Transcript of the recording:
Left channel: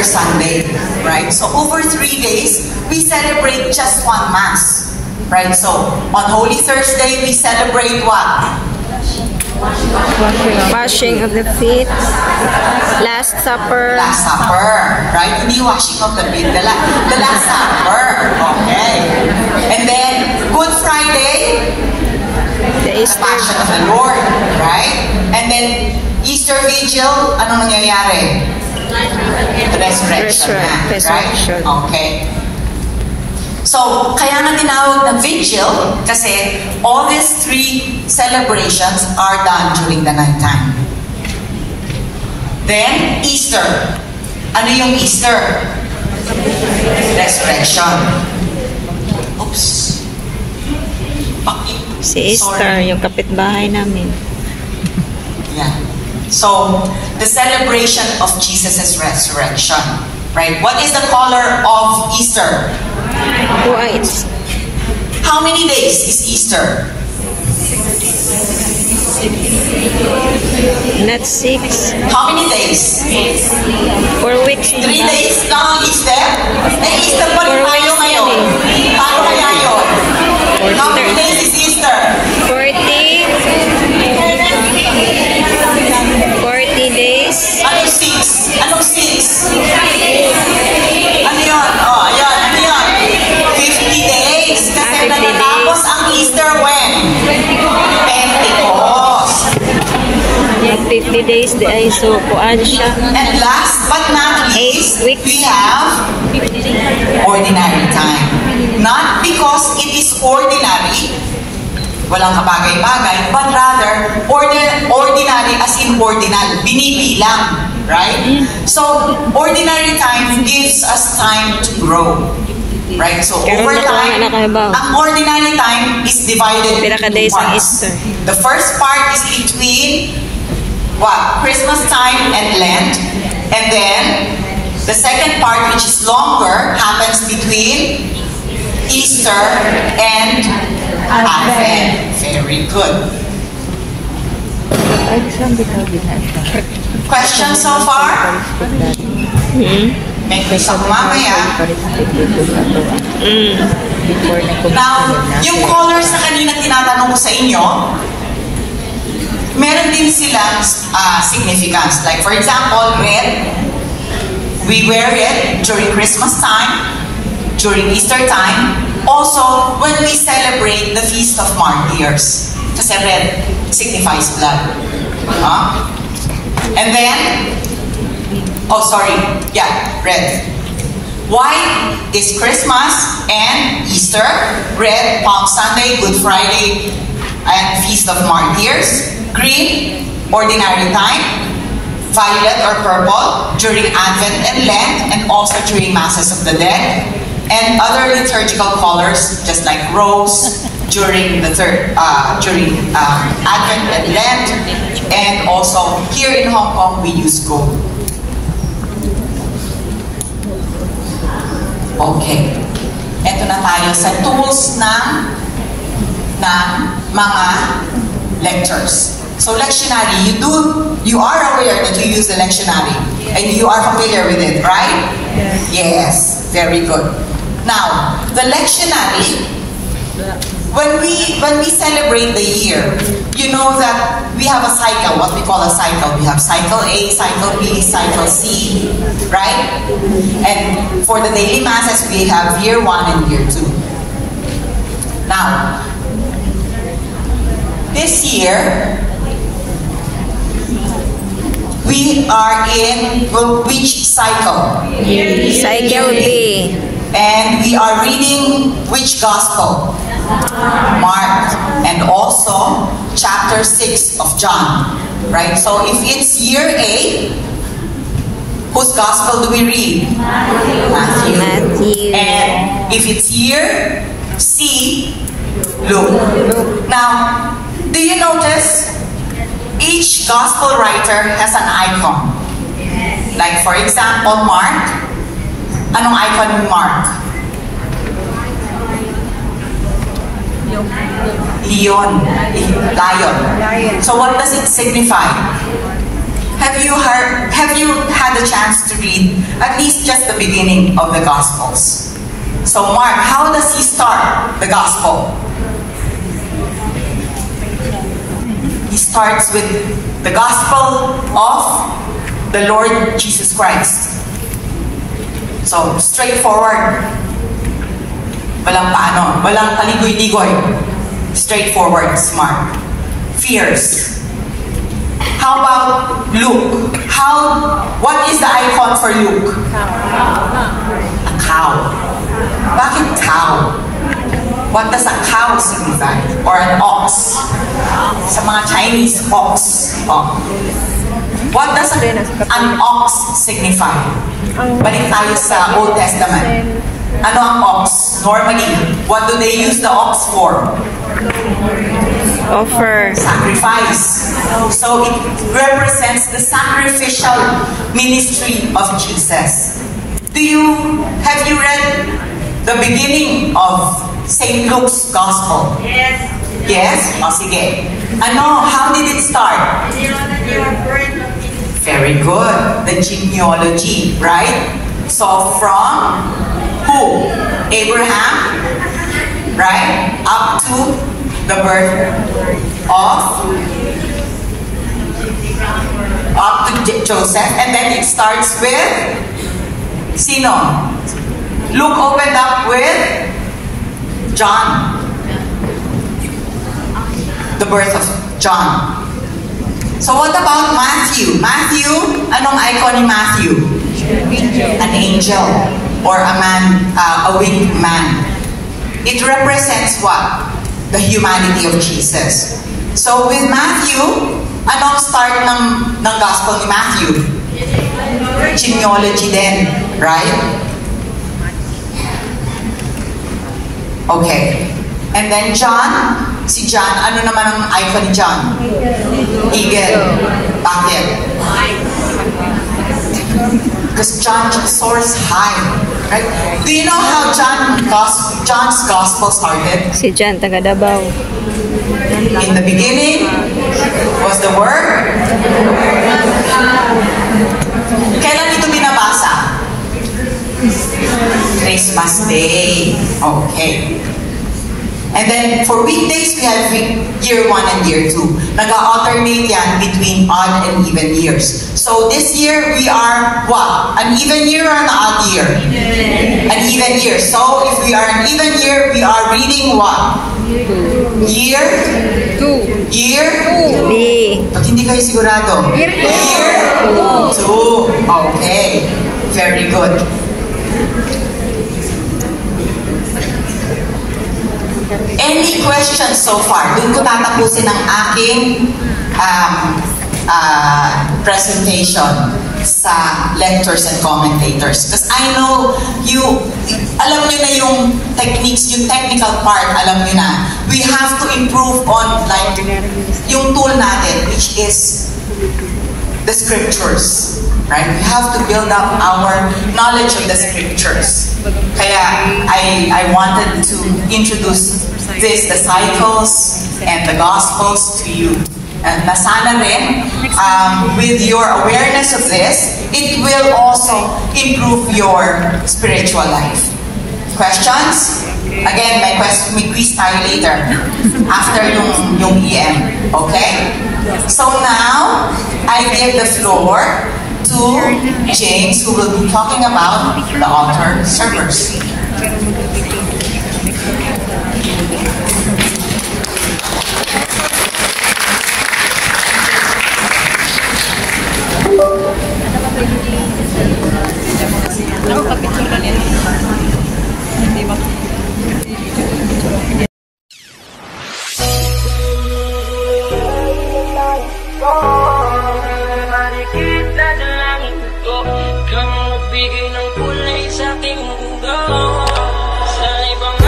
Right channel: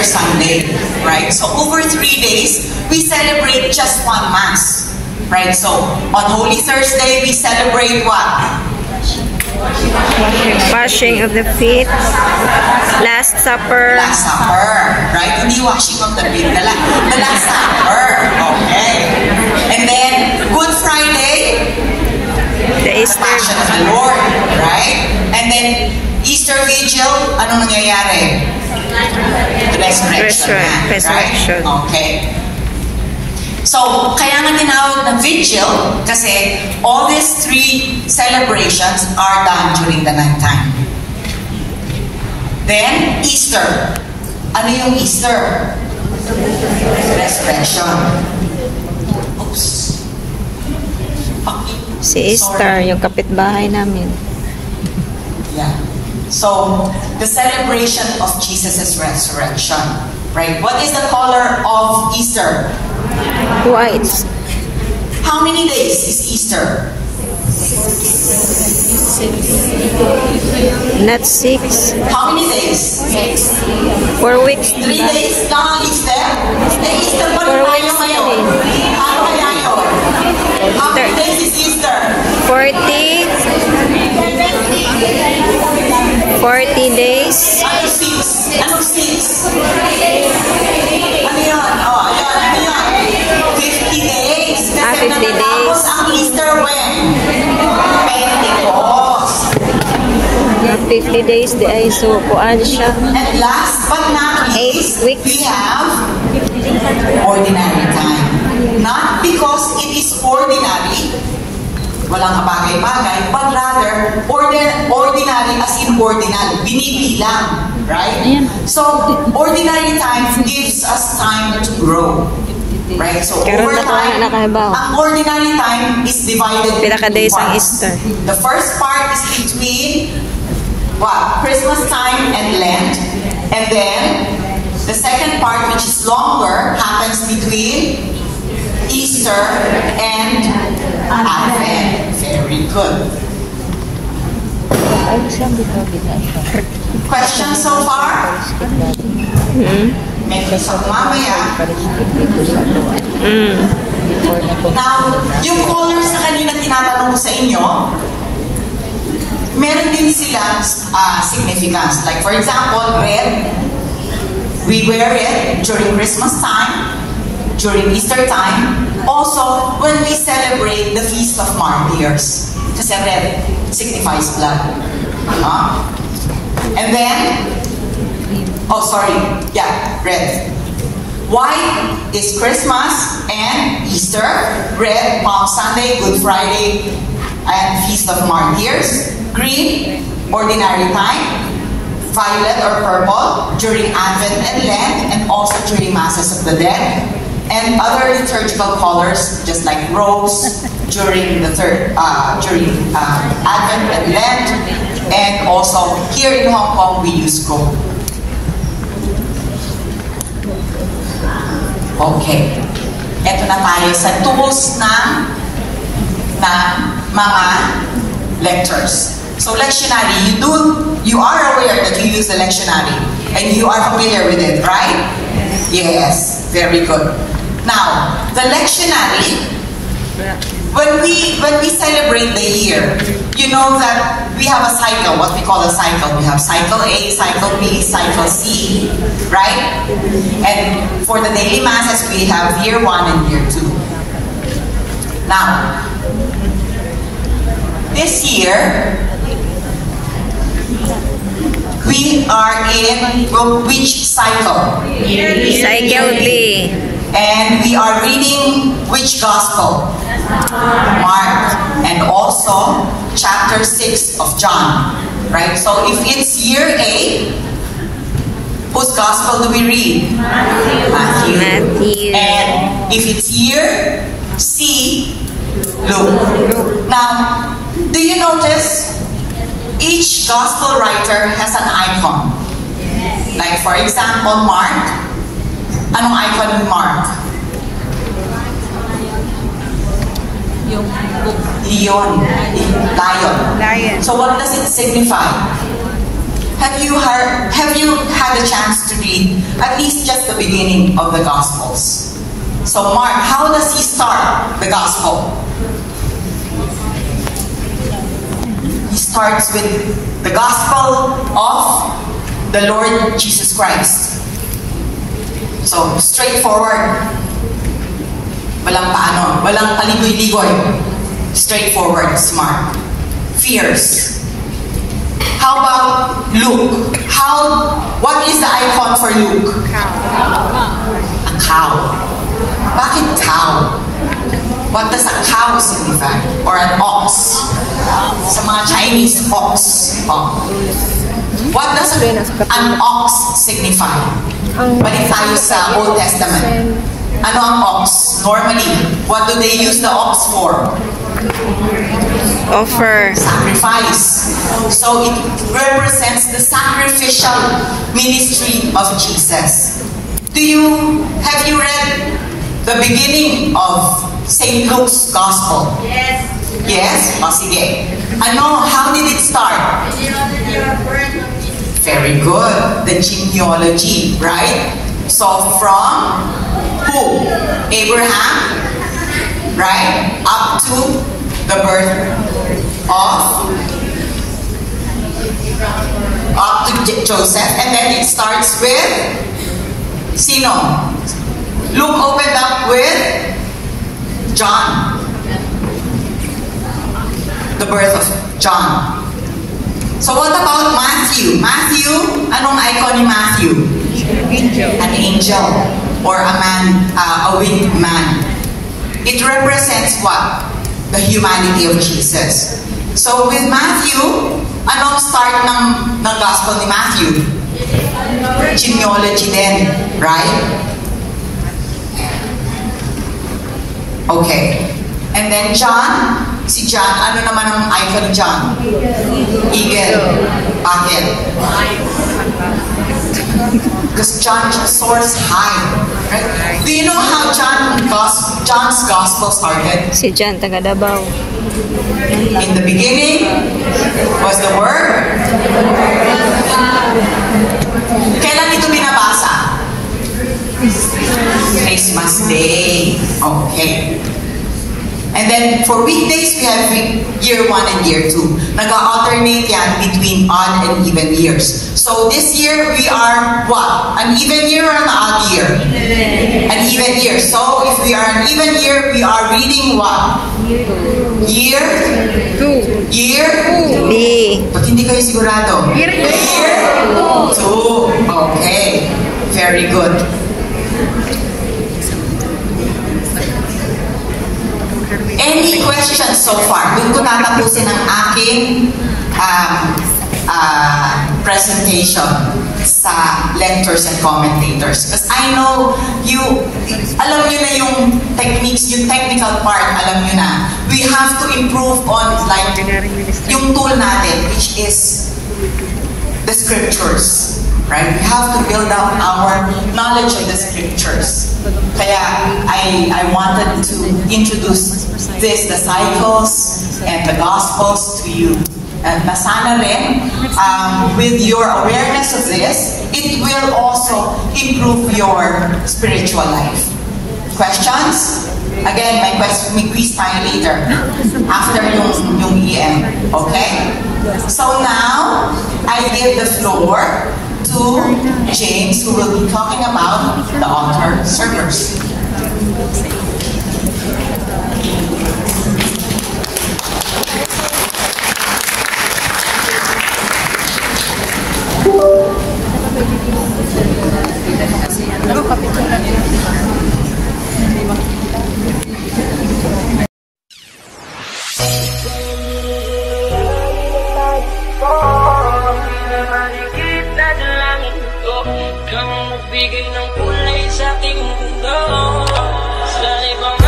Easter Sunday, right? So over 3 days, we celebrate just one Mass, right? So on Holy Thursday, we celebrate what? Washing of the feet. Last Supper. Last Supper, right? Hindi washing of the feet, the Last Supper, okay. And then Good Friday, The the Passion of the Lord, right? And then Easter Vigil, anong nangyayari? The resurrection, Resurrection. right? Okay. So, kaya nga tinawag na vigil kasi all these 3 celebrations are done during the nighttime. Then, Easter. Ano yung Easter? Resurrection. Oops. Si Easter, yung kapitbahay namin. Yeah. So, the celebration of Jesus' resurrection. Right? What is the color of Easter? White. How many days is Easter? Not 6. How many days? 4 weeks. 3 days lang ang Easter? Easter pa rin tayo ngayon. Paano kaya yun? How many days is Easter? 40 days. Anong 6? Anong 6? Ano yun? Oh, ayun. Ano yun? 50 days. Kasi natatapos ang Easter when? Pentecost. 50 days di ay so kuan siya. And last but not least, 8 weeks. we have ordinary time. Not because it is ordinary, walang kabagay-bagay, but rather ordinary as in ordinal, binibilang, right? So, ordinary time gives us time to grow, right? So, over time, ang ordinary time is divided into 2 parts. The first part is between what? Christmas time and Lent, and then the second part, which is longer, happens between Easter and Advent. Very good. Questions so far? May quiz ako mamaya. Now, yung colors na kanina tinatanong ko sa inyo, meron din silang significance. Like for example, red, we wear it during Christmas time, during Easter time, also when we celebrate the Feast of Martyrs. Kasi red signifies blood. And then, red. White is Christmas and Easter. Red, Palm Sunday, Good Friday, and Feast of Martyrs. Green, ordinary time. Violet or purple during Advent and Lent, and also during Masses of the Dead. And other liturgical colors, just like rose during Advent and Lent, and also here in Hong Kong we use gold. Okay, eto na tayo sa tools ng mga lectors. So lectionary, you are aware that you use the lectionary and you are familiar with it, right? Yes, very good. Now, the lectionary, when we celebrate the year, you know that we have a cycle, what we call a cycle. We have cycle A, cycle B, cycle C, right? And for the daily masses, we have year 1 and year 2. Now, this year, we are in which cycle? Cycle B. And we are reading which gospel? Mark. And also chapter 6 of John. Right? So if it's year A, whose gospel do we read? Matthew. And if it's year C, Luke. Now, do you notice each gospel writer has an icon? Like for example, Mark. Anong icon ng Mark? Lion. So what does it signify? Have you had a chance to read at least just the beginning of the Gospels. So Mark, how does he start the Gospel? He starts with the Gospel of the Lord Jesus Christ. So, straightforward. Walang paano, walang paligoy-ligoy. Straightforward, smart. Fierce. How about Luke? What is the icon for Luke? A cow. Bakit cow? What does a cow signify? Or an ox? Sa mga Chinese, ox. Oh. What does an ox signify? Balik tayo sa Old Testament. Ano ang ox? Normally, what do they use the ox for? Offer. Sacrifice. So it represents the sacrificial ministry of Jesus. Have you read the beginning of St. Luke's Gospel? Yes. Yes? O sige. How did it start? Very good. The genealogy, right? So from who? Abraham, right? Up to the birth up to Joseph. And then it starts with sino? Luke opened up with John. The birth of John. So what about Matthew? Matthew, anong icon ni Matthew? An angel or a man, a winged man. It represents what? The humanity of Jesus. So with Matthew, anong start ng gospel ni Matthew? Genealogy din, right? Okay. And then John, si John, ano naman ang icon ni John? Eagle. Bakit? Because John soars high. Right? Do you know how John's gospel started? Si John, taga Davao. In the beginning was the Word. Kailan ito binabasa? Christmas Day. Okay. And then, for weekdays, we have year 1 and year 2. Nag-alternate yan between odd and even years. So, this year, we are what? An even year or an odd year? An even year. So, if we are an even year, we are reading what? Year? 2. Year? B. Ba't hindi kayo sigurado? Year 2. 2. Okay. Very good. Any questions so far? Doon ko tatapusin ang aking presentation sa lectors and commentators. Because I know alam nyo na yung techniques, yung technical part, alam nyo na. We have to improve on like yung tool natin, which is the scriptures. Right? We have to build up our knowledge of the scriptures. Kaya I wanted to introduce the cycles and the gospels to you. And sana rin, with your awareness of this, it will also improve your spiritual life. Questions? Again, may quiz tayo later after yung EM. Okay? So now, I give the floor to James, who will be talking about the altar servers. Marikita sa langit ko, kang magbigay ng kulay sa aking mundo. Sa ibang